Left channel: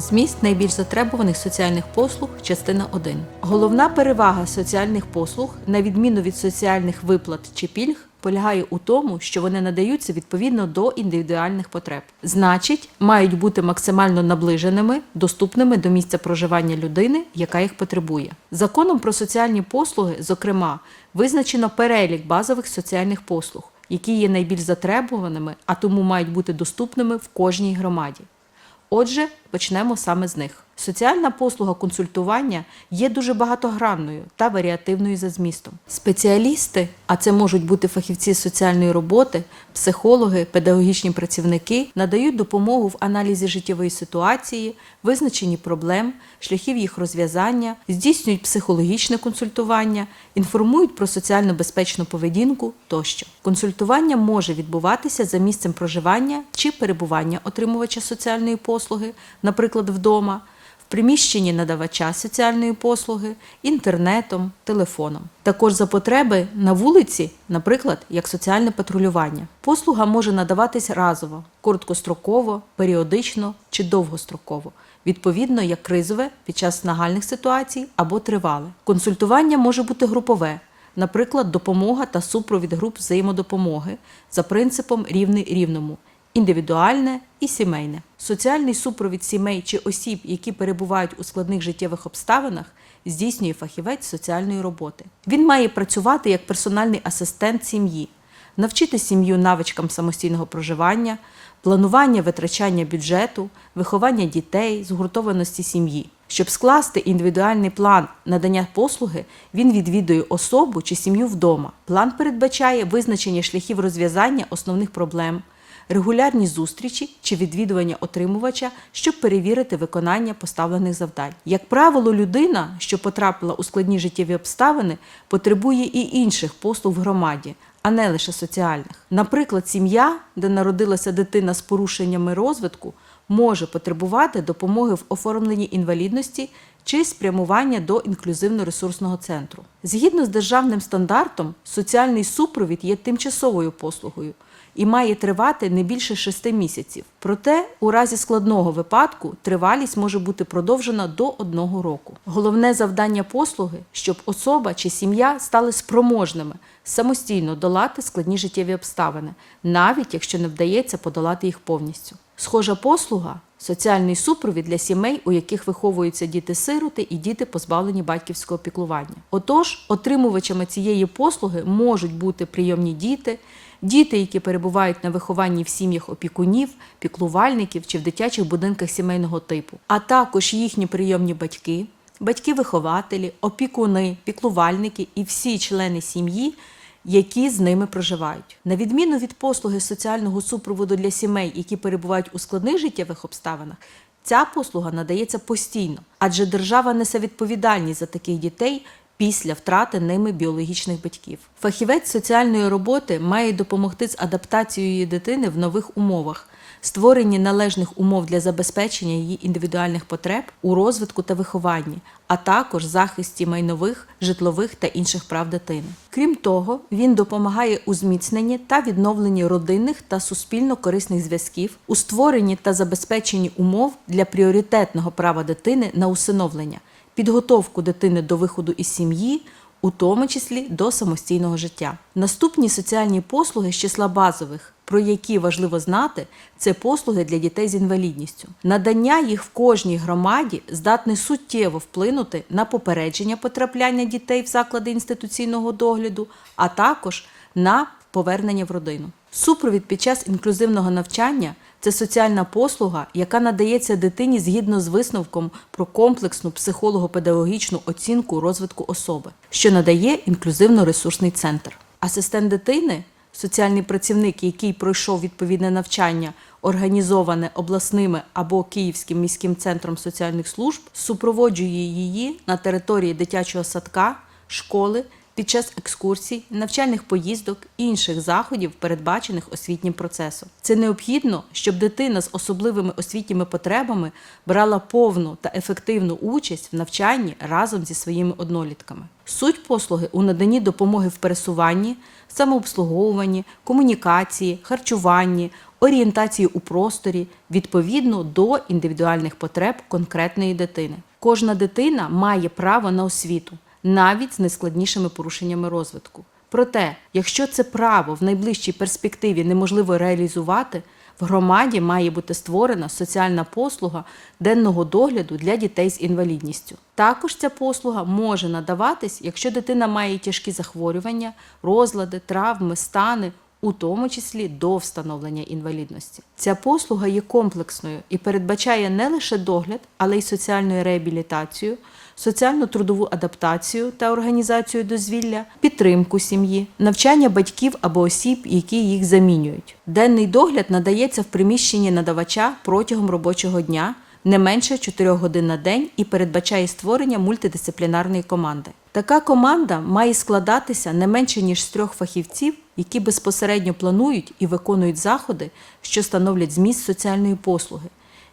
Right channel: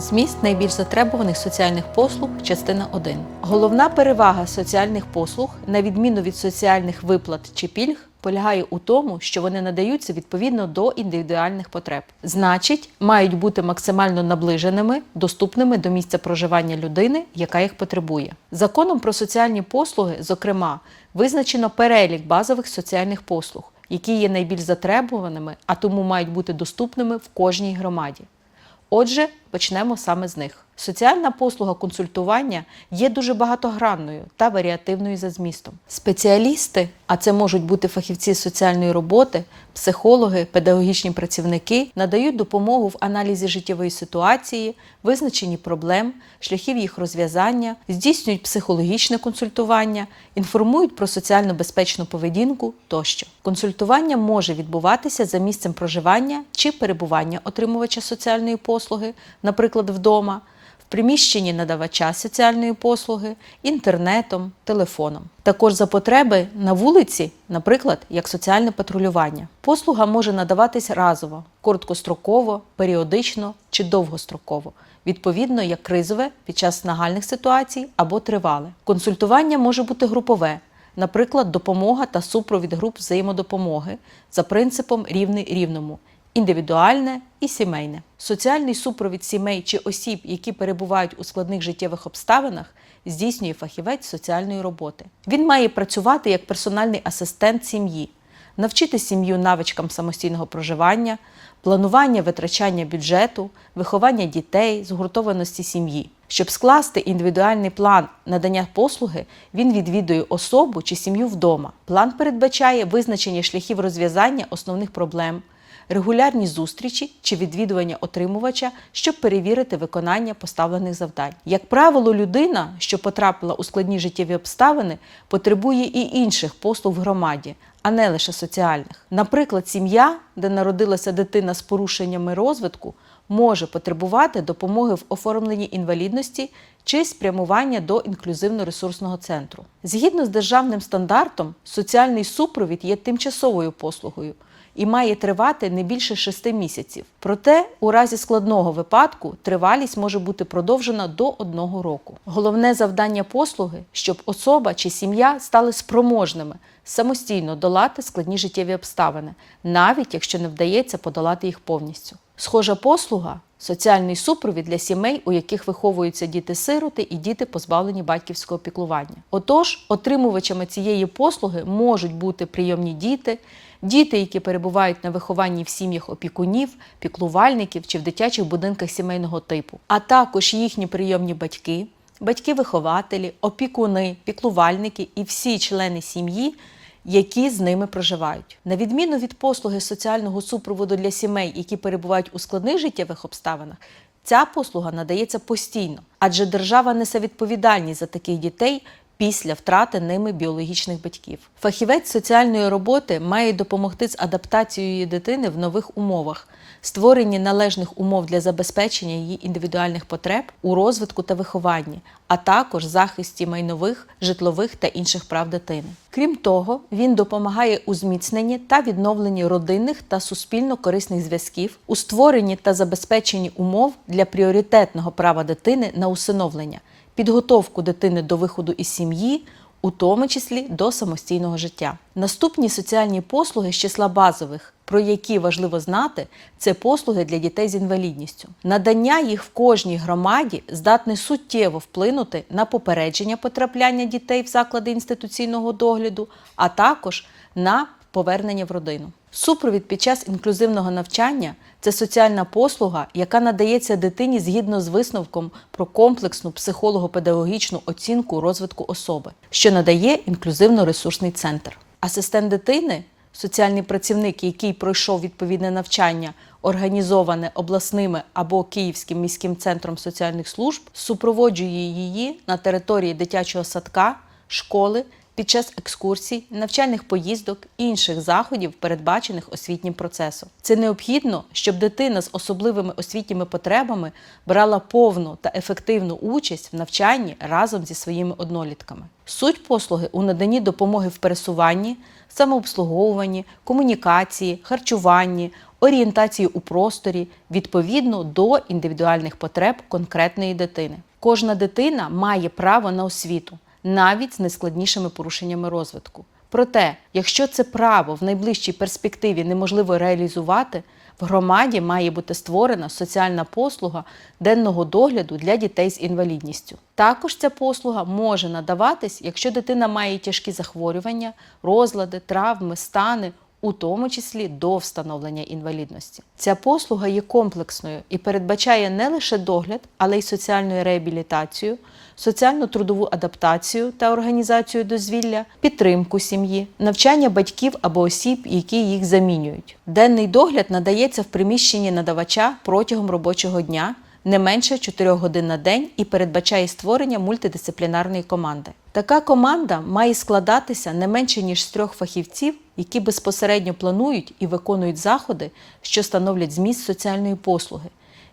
Зміст найбільш затребуваних соціальних послуг, частина 1. Головна перевага соціальних послуг, на відміну від соціальних виплат чи пільг, полягає у тому, що вони надаються відповідно до індивідуальних потреб. Значить, мають бути максимально наближеними, доступними до місця проживання людини, яка їх потребує. Законом про соціальні послуги, зокрема, визначено перелік базових соціальних послуг, які є найбільш затребуваними, а тому мають бути доступними в кожній громаді. Отже, почнемо саме з них. Соціальна послуга консультування є дуже багатогранною та варіативною за змістом. Спеціалісти, а це можуть бути фахівці соціальної роботи, психологи, педагогічні працівники, надають допомогу в аналізі життєвої ситуації, визначенні проблем, шляхів їх розв'язання, здійснюють психологічне консультування, інформують про соціально безпечну поведінку тощо. Консультування може відбуватися за місцем проживання чи перебування отримувача соціальної послуги, наприклад, вдома приміщенні надавача соціальної послуги, інтернетом, телефоном. Також за потреби на вулиці, наприклад, як соціальне патрулювання. Послуга може надаватись разово, короткостроково, періодично чи довгостроково. Відповідно, як кризове під час нагальних ситуацій або тривале. Консультування може бути групове, наприклад, допомога та супровід груп взаємодопомоги за принципом рівний рівному індивідуальне і сімейне. Соціальний супровід сімей чи осіб, які перебувають у складних життєвих обставинах, здійснює фахівець соціальної роботи. Він має працювати як персональний асистент сім'ї, навчити сім'ю навичкам самостійного проживання, планування витрачання бюджету, виховання дітей, згуртованості сім'ї. Щоб скласти індивідуальний план надання послуги, він відвідує особу чи сім'ю вдома. План передбачає визначення шляхів розв'язання основних проблем, регулярні зустрічі чи відвідування отримувача, щоб перевірити виконання поставлених завдань. Як правило, людина, що потрапила у складні життєві обставини, потребує і інших послуг в громаді, а не лише соціальних. Наприклад, сім'я, де народилася дитина з порушеннями розвитку, може потребувати допомоги в оформленні інвалідності чи спрямування до інклюзивно-ресурсного центру. Згідно з державним стандартом, соціальний супровід є тимчасовою послугою і має тривати не більше 6 місяців. Проте, у разі складного випадку тривалість може бути продовжена до одного року. Головне завдання послуги, щоб особа чи сім'я стали спроможними самостійно долати складні життєві обставини, навіть якщо не вдається подолати їх повністю. Схожа послуга соціальний супровід для сімей, у яких виховуються діти-сироти і діти, позбавлені батьківського піклування. Отож, отримувачами цієї послуги можуть бути прийомні діти, діти, які перебувають на вихованні в сім'ях опікунів, піклувальників чи в дитячих будинках сімейного типу, а також їхні прийомні батьки, батьки-вихователі, опікуни, піклувальники і всі члени сім'ї. Які з ними проживають, на відміну від послуги соціального супроводу для сімей, які перебувають у складних життєвих обставинах, ця послуга надається постійно, адже держава несе відповідальність за таких дітей після втрати ними біологічних батьків. Фахівець соціальної роботи має допомогти з адаптацією дитини в нових умовах, створенні належних умов для забезпечення її індивідуальних потреб у розвитку та вихованні, а також захисті майнових, житлових та інших прав дитини. Крім того, він допомагає у зміцненні та відновленні родинних та суспільно корисних зв'язків, у створенні та забезпеченні умов для пріоритетного права дитини на усиновлення підготовку дитини до виходу із сім'ї, у тому числі до самостійного життя. Наступні соціальні послуги з числа базових, про які важливо знати, це послуги для дітей з інвалідністю. Надання їх в кожній громаді здатне суттєво вплинути на попередження потрапляння дітей в заклади інституційного догляду, а також на повернення в родину. Супровід під час інклюзивного навчання це соціальна послуга, яка надається дитині згідно з висновком про комплексну психолого-педагогічну оцінку розвитку особи, що надає інклюзивно-ресурсний центр. Асистент дитини, соціальний працівник, який пройшов відповідне навчання, організоване обласними або Київським міським центром соціальних служб, супроводжує її на території дитячого садка, школи під час екскурсій, навчальних поїздок і інших заходів, передбачених освітнім процесом. Це необхідно, щоб дитина з особливими освітніми потребами брала повну та ефективну участь в навчанні разом зі своїми однолітками. Суть послуги у наданні допомоги в пересуванні, самообслуговуванні, комунікації, харчуванні, орієнтації у просторі відповідно до індивідуальних потреб конкретної дитини. Кожна дитина має право на освіту, навіть з найскладнішими порушеннями розвитку. Проте, якщо це право в найближчій перспективі неможливо реалізувати, в громаді має бути створена соціальна послуга денного догляду для дітей з інвалідністю. Також ця послуга може надаватись, якщо дитина має тяжкі захворювання, розлади, травми, стани, у тому числі до встановлення інвалідності. Ця послуга є комплексною і передбачає не лише догляд, але й соціальну реабілітацію, соціально-трудову адаптацію та організацію дозвілля, підтримку сім'ї, навчання батьків або осіб, які їх замінюють. Денний догляд надається в приміщенні надавача протягом робочого дня. Не менше 4 годин на день і передбачає створення мультидисциплінарної команди. Така команда має складатися не менше ніж з трьох фахівців, які безпосередньо планують і виконують заходи, що становлять зміст соціальної послуги,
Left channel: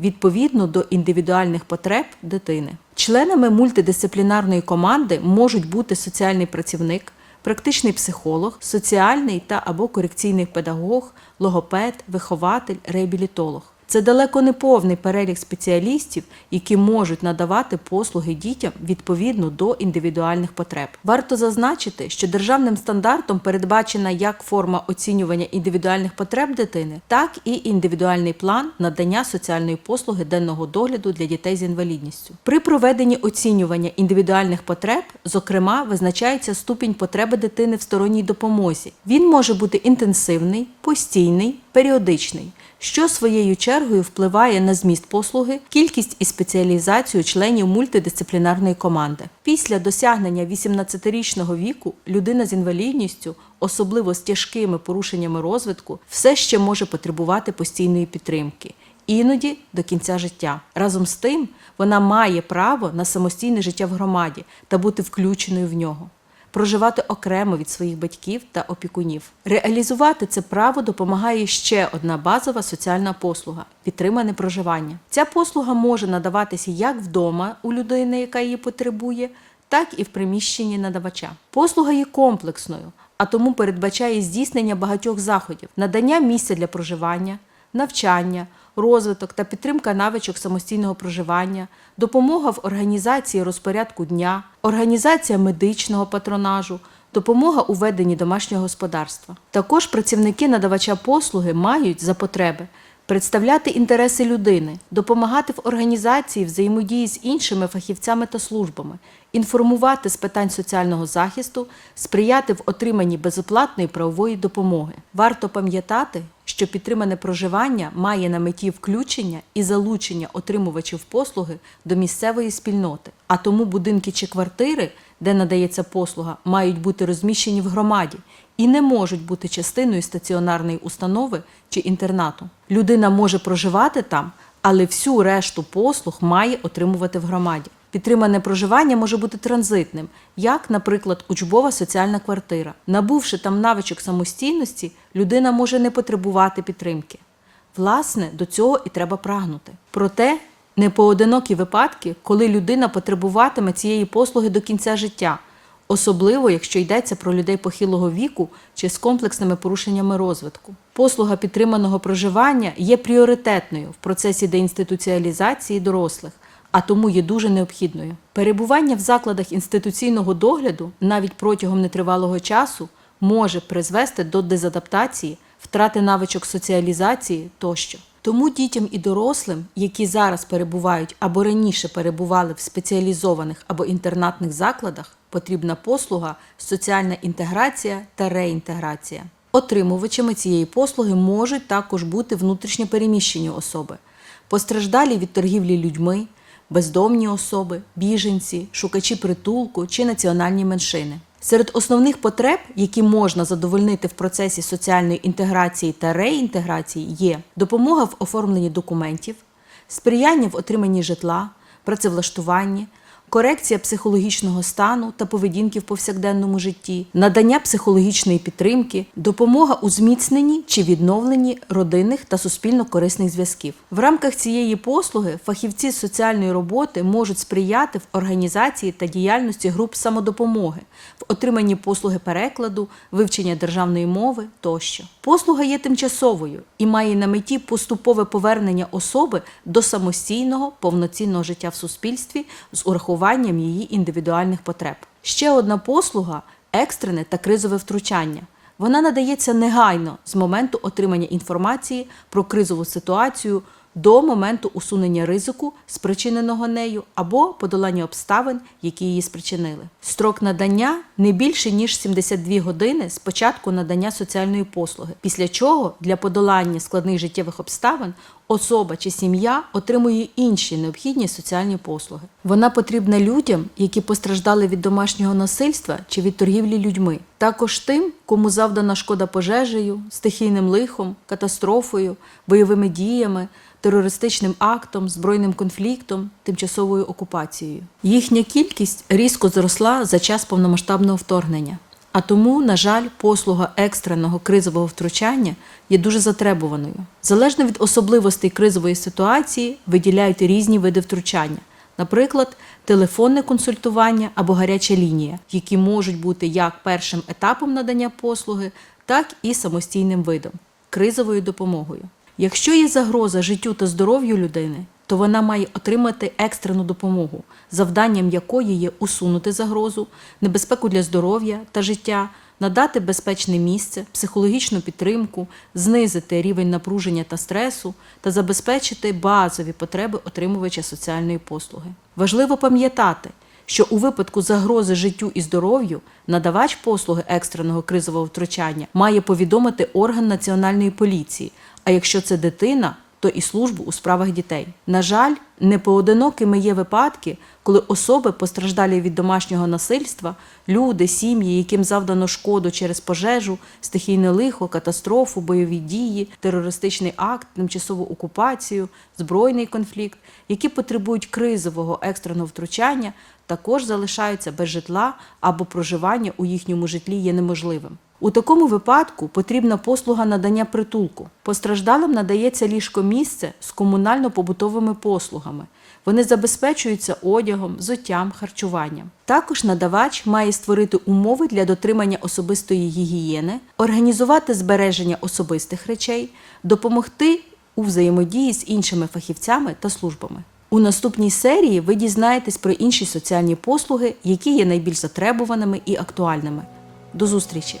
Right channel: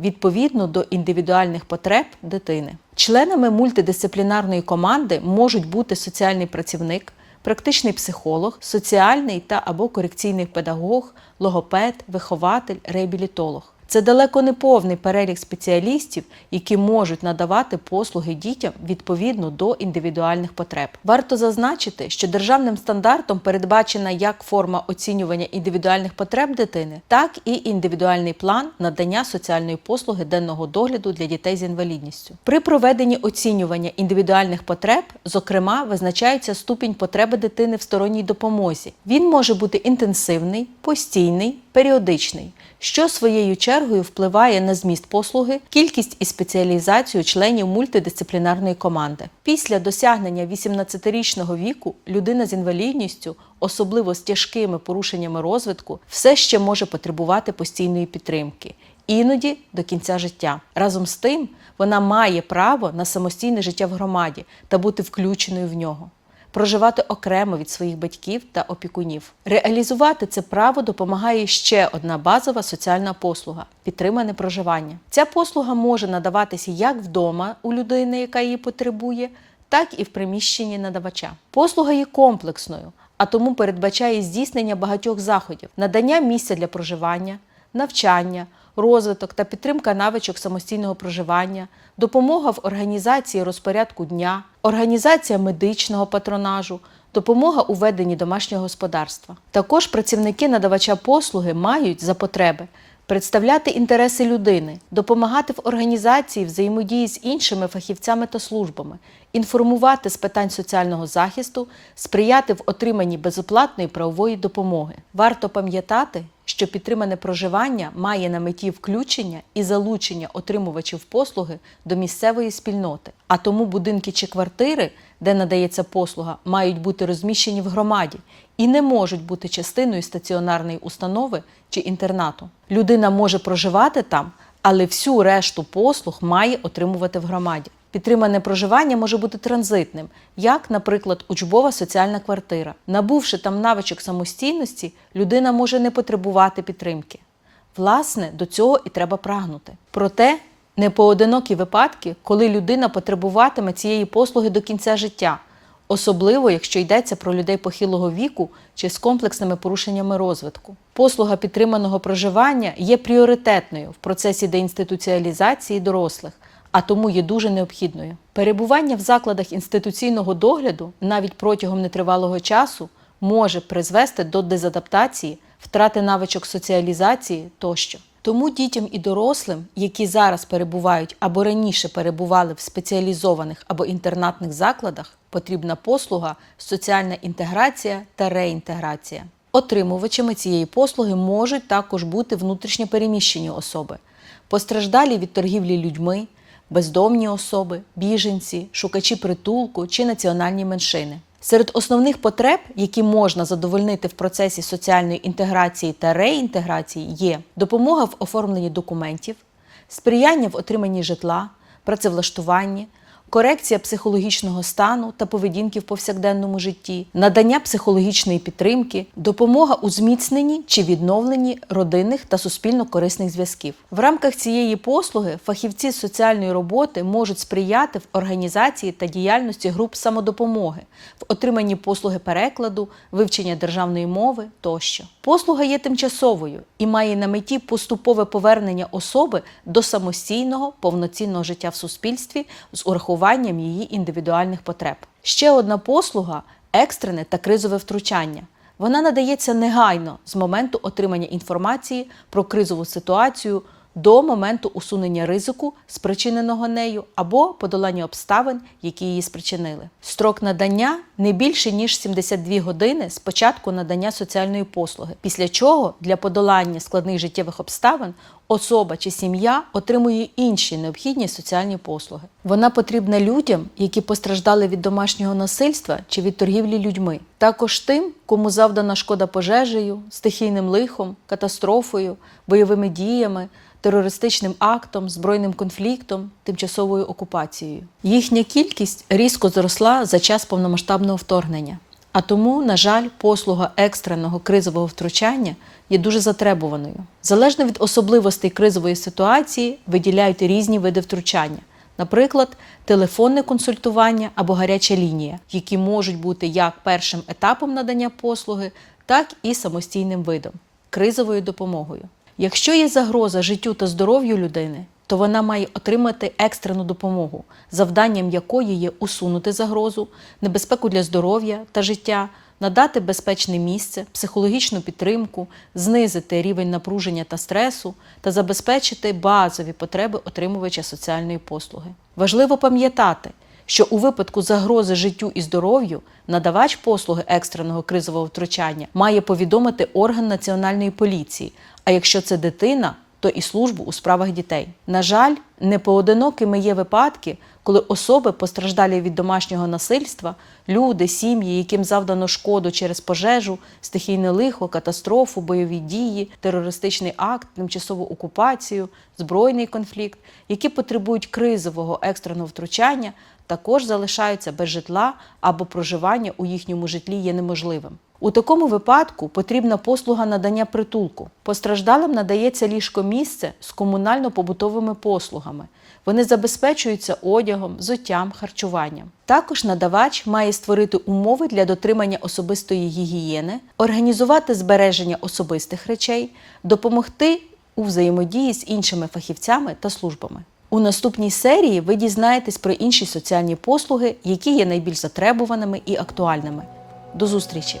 відповідно до індивідуальних потреб дитини. Членами мультидисциплінарної команди можуть бути соціальний працівник, практичний психолог, соціальний та або корекційний педагог, логопед, вихователь, реабілітолог. Це далеко не повний перелік спеціалістів, які можуть надавати послуги дітям відповідно до індивідуальних потреб. Варто зазначити, що державним стандартом передбачена як форма оцінювання індивідуальних потреб дитини, так і індивідуальний план надання соціальної послуги денного догляду для дітей з інвалідністю. При проведенні оцінювання індивідуальних потреб, зокрема, визначається ступінь потреби дитини в сторонній допомозі. Він може бути інтенсивний, постійний, періодичний що своєю чергою впливає на зміст послуги, кількість і спеціалізацію членів мультидисциплінарної команди. Після досягнення 18-річного віку людина з інвалідністю, особливо з тяжкими порушеннями розвитку, все ще може потребувати постійної підтримки. Іноді до кінця життя. Разом з тим, вона має право на самостійне життя в громаді та бути включеною в нього проживати окремо від своїх батьків та опікунів. Реалізувати це право допомагає ще одна базова соціальна послуга підтримане проживання. Ця послуга може надаватися як вдома у людини, яка її потребує, так і в приміщенні надавача. Послуга є комплексною, а тому передбачає здійснення багатьох заходів, надання місця для проживання, навчання розвиток та підтримка навичок самостійного проживання, допомога в організації розпорядку дня, організація медичного патронажу. Допомога у веденні домашнього господарства. Також працівники надавача послуги мають за потреби представляти інтереси людини, допомагати в організації взаємодії з іншими фахівцями та службами, інформувати з питань соціального захисту, сприяти в отриманні безоплатної правової допомоги. Варто пам'ятати, що підтримане проживання має на меті включення і залучення отримувачів послуги до місцевої спільноти, а тому будинки чи квартири, де надається послуга, мають бути розміщені в громаді і не можуть бути частиною стаціонарної установи чи інтернату. Людина може проживати там, але всю решту послуг має отримувати в громаді. Підтримане проживання може бути транзитним, як, наприклад, учбова соціальна квартира. Набувши там навичок самостійності, людина може не потребувати підтримки. Власне, до цього і треба прагнути. Проте непоодинокі випадки, коли людина потребуватиме цієї послуги до кінця життя, особливо якщо йдеться про людей похилого віку чи з комплексними порушеннями розвитку. Послуга підтриманого проживання є пріоритетною в процесі деінституціалізації дорослих а тому є дуже необхідною. Перебування в закладах інституційного догляду навіть протягом нетривалого часу може призвести до дезадаптації, втрати навичок соціалізації тощо. Тому дітям і дорослим, які зараз перебувають або раніше перебували в спеціалізованих або інтернатних закладах, потрібна послуга, соціальна інтеграція та реінтеграція. Отримувачами цієї послуги можуть також бути внутрішньо переміщені особи, постраждалі від торгівлі людьми, бездомні особи, біженці, шукачі притулку чи національні меншини. Серед основних потреб, які можна задовольнити в процесі соціальної інтеграції та реінтеграції, є допомога в оформленні документів, сприяння в отриманні житла, працевлаштуванні, корекція психологічного стану та поведінки в повсякденному житті, надання психологічної підтримки, допомога у зміцненні чи відновленні родинних та суспільно корисних зв'язків. В рамках цієї послуги фахівці соціальної роботи можуть сприяти в організації та діяльності груп самодопомоги, в отриманні послуги перекладу, вивчення державної мови тощо. Послуга є тимчасовою і має на меті поступове повернення особи до самостійного повноцінного життя в суспільстві з урахуванням її індивідуальних потреб. Ще одна послуга екстрене та кризове втручання. Вона надається негайно з моменту отримання інформації про кризову ситуацію до моменту усунення ризику, спричиненого нею, або подолання обставин, які її спричинили. Строк надання не більше ніж 72 години з початку надання соціальної послуги, після чого для подолання складних життєвих обставин особа чи сім'я отримує інші необхідні соціальні послуги. Вона потрібна людям, які постраждали від домашнього насильства чи від торгівлі людьми, також тим, кому завдана шкода пожежею, стихійним лихом, катастрофою, бойовими діями. Терористичним актом, збройним конфліктом, тимчасовою окупацією. Їхня кількість різко зросла за час повномасштабного вторгнення. А тому, на жаль, послуга екстреного кризового втручання є дуже затребуваною. Залежно від особливостей кризової ситуації виділяють різні види втручання, наприклад, телефонне консультування або гаряча лінія, які можуть бути як першим етапом надання послуги, так і самостійним видом кризовою допомогою. Якщо є загроза життю та здоров'ю людини, то вона має отримати екстрену допомогу, завданням якої є усунути загрозу, небезпеку для здоров'я та життя, надати безпечне місце, психологічну підтримку, знизити рівень напруження та стресу та забезпечити базові потреби отримувача соціальної послуги. Важливо пам'ятати, що у випадку загрози життю і здоров'ю надавач послуги екстреного кризового втручання має повідомити орган національної поліції. А якщо це дитина, то і службу у справах дітей. На жаль, непоодинокими є випадки, коли особи, постраждалі від домашнього насильства, люди, сім'ї, яким завдано шкоду через пожежу, стихійне лихо, катастрофу, бойові дії, терористичний акт, тимчасову окупацію, збройний конфлікт, які потребують кризового екстреного втручання, також залишаються без житла або проживання у їхньому житлі є неможливим. У такому випадку потрібна послуга надання притулку. Постраждалим надається ліжко місце з комунально-побутовими послугами. Вони забезпечуються одягом, взуттям, харчуванням. Також надавач має створити умови для дотримання особистої гігієни, організувати збереження особистих речей, допомогти у взаємодії з іншими фахівцями та службами. У наступній серії ви дізнаєтесь про інші соціальні послуги, які є найбільш затребуваними і актуальними. До зустрічі!